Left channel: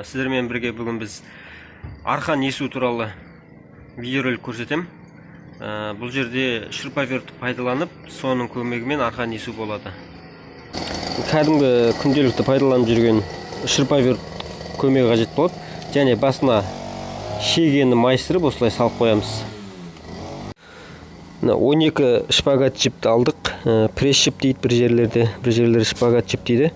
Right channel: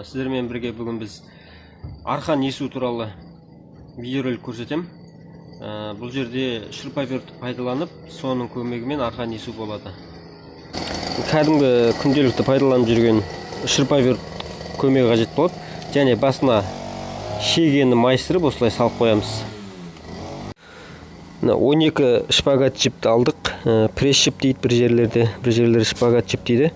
Сіздермен бірге бүгін біз арқан есу туралы видеоролик көрсетемін. Бұл жерде шырпавертті пайдаланып, соның көмегімен арқан есу болады. Кәдімгі күнделікті пайдаланып жүрген шырпаверт көмегі қажет болады. Және басына шегені майыстырып осылай салып қоямыз. 12 шпагат жіпті алдық. Пресс жіп дейді бір жерлері шпагат жіп дейді.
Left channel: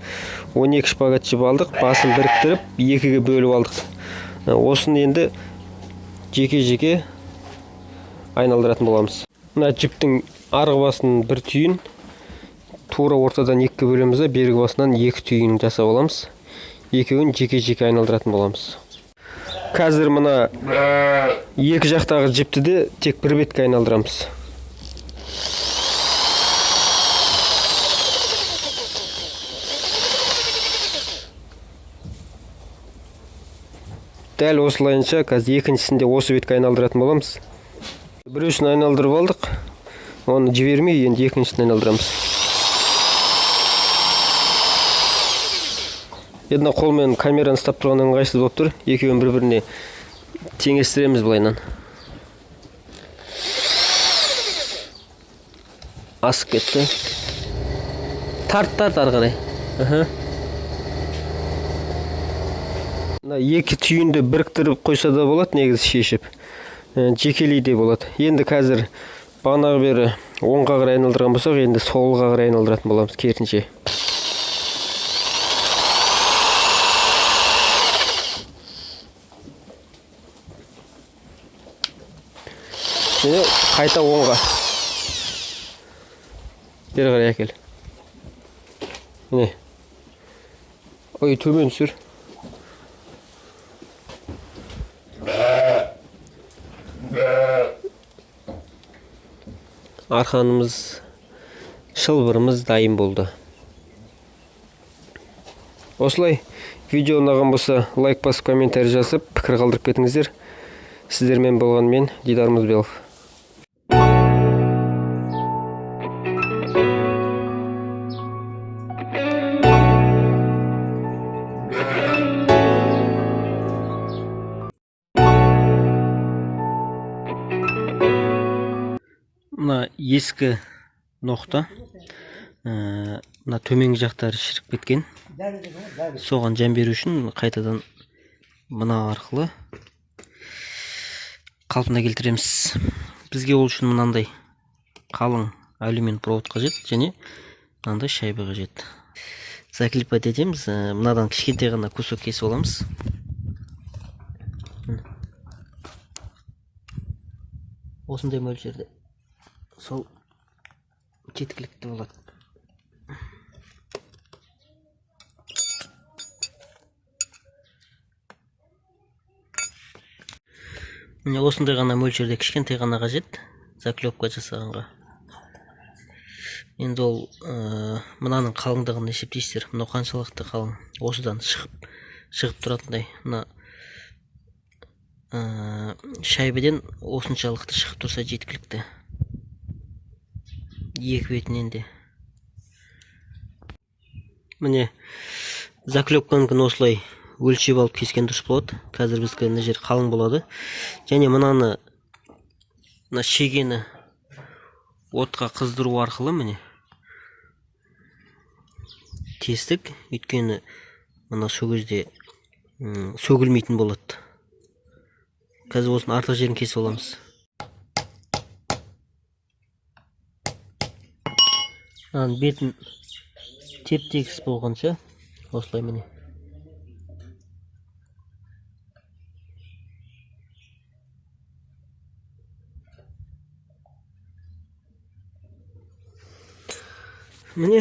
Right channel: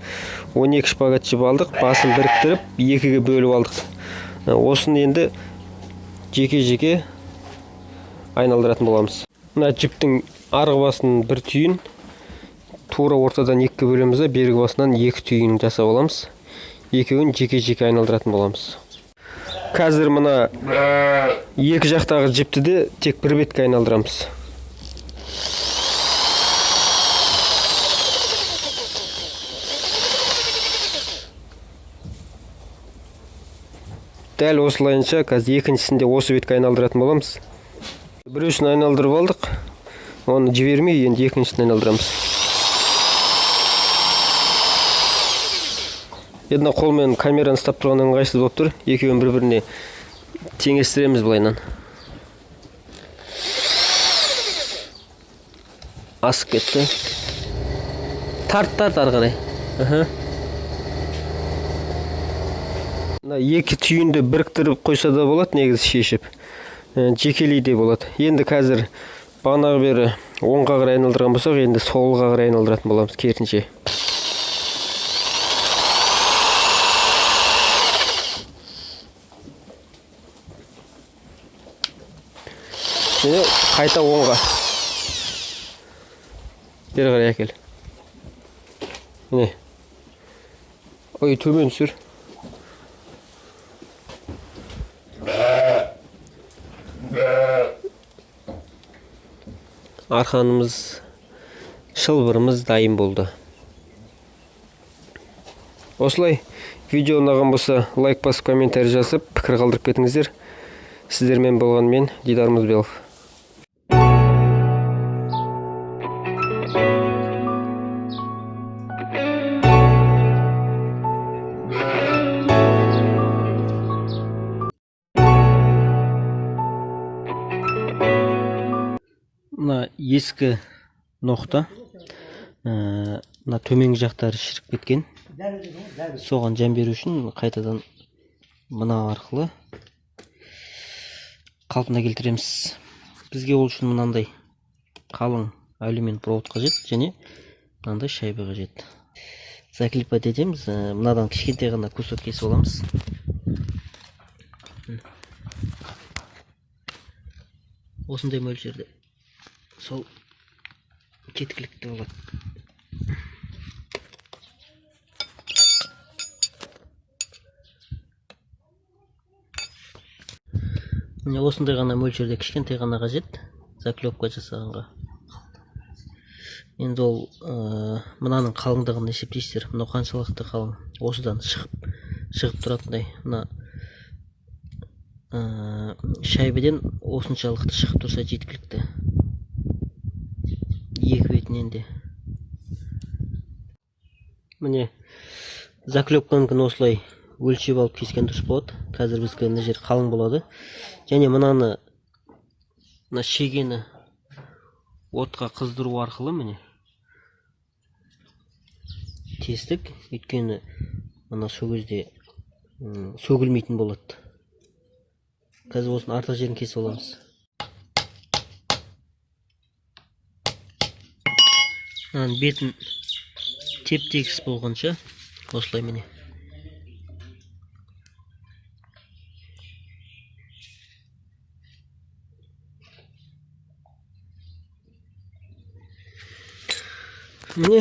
12 шпагат жіп алдық, басын біріктіріп, екіге бөліп алдық. Осыны енді жеке-жеке айналдыратын боламыз. Мына жіптің арғы басын бір түйін, тура ортадан екіге бөлеміз, бергі басынан екі түйін жасап аламыз. Екеуін жеке-жеке айналдыратын боламыз. Қазір мына екі жақтағы жіпті де тек бір бетке айналдырамыз. Дәл осылайынша қазір екіншісінде осы бетке айналдыратын боламыз. Біреусін айналдырып алдық. Оны жібермей, енді екіншісін айналдырамыз. Енді қолмен камераны ұстап тұрған ыңғайсыз болып тұр. Екеуін бір-біріне теңестіреміз былайынан. Асып кетті. Тарт ары қарай. Екі түйінді біріктіріп қойса да болады, негізі шешіп. Жекелей де болады. Енді қазір бағанағы бері оңға қарай айналдырған болсақ, енді солға қарай айналдыратын боламыз керісінше. Және қайта оңға. Бері қарай әкел. Міне. Ой, төмен сүр. Арқанымыз, шылбырымыз дайын болды. Осылай видео ұнаған болса, лайк басып, комментарий жазып, пікір қалдырып кетіңіздер. Сіздермен болған мен, Дидар Мұзбелов. Ескі ноқта, төменгі жақтары шіріп кеткен. Соған жан беру үшін қайтадан мына арқылы қалпына келтіреміз. Бізге ол үшін мынандай қалың алюминий провод қажет, және мынандай шайба қажет. Заклепать етеміз. Мынадан кішкентай ғана кусок кесіп аламыз. Осындай мөлшерде сол жеткілікті болады. Осындай ғана мөлшерде кішкентай ғана қажет заклепка жасағанға. Енді ол мынаның қалыңдығын есептейсіздер. Мынау қаншалықты қалың. Осыдан шығып тұратындай. Шайбеден осыншалықты шығып тұрса жеткілікті. Екі бетінен де. Міне, заклепканы осылай өлшеп алып кескен дұрыс болады. Қазір біз мына жер қалың болады. Және мына шегені отқа қыздыру арқылы міне тестік, өйткені мына сол кезде сөгілмейтін болады. Қазір осының артық жерін кесіп аламыз. Бетін теп-тегіс болғанша осылай міне. Міне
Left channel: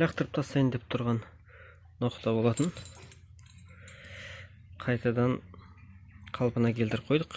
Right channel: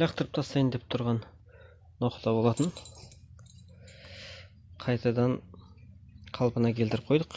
лақтырып тастайын деп тұрған ноқта болатын. Қайтадан қалпына келтіріп қойдық.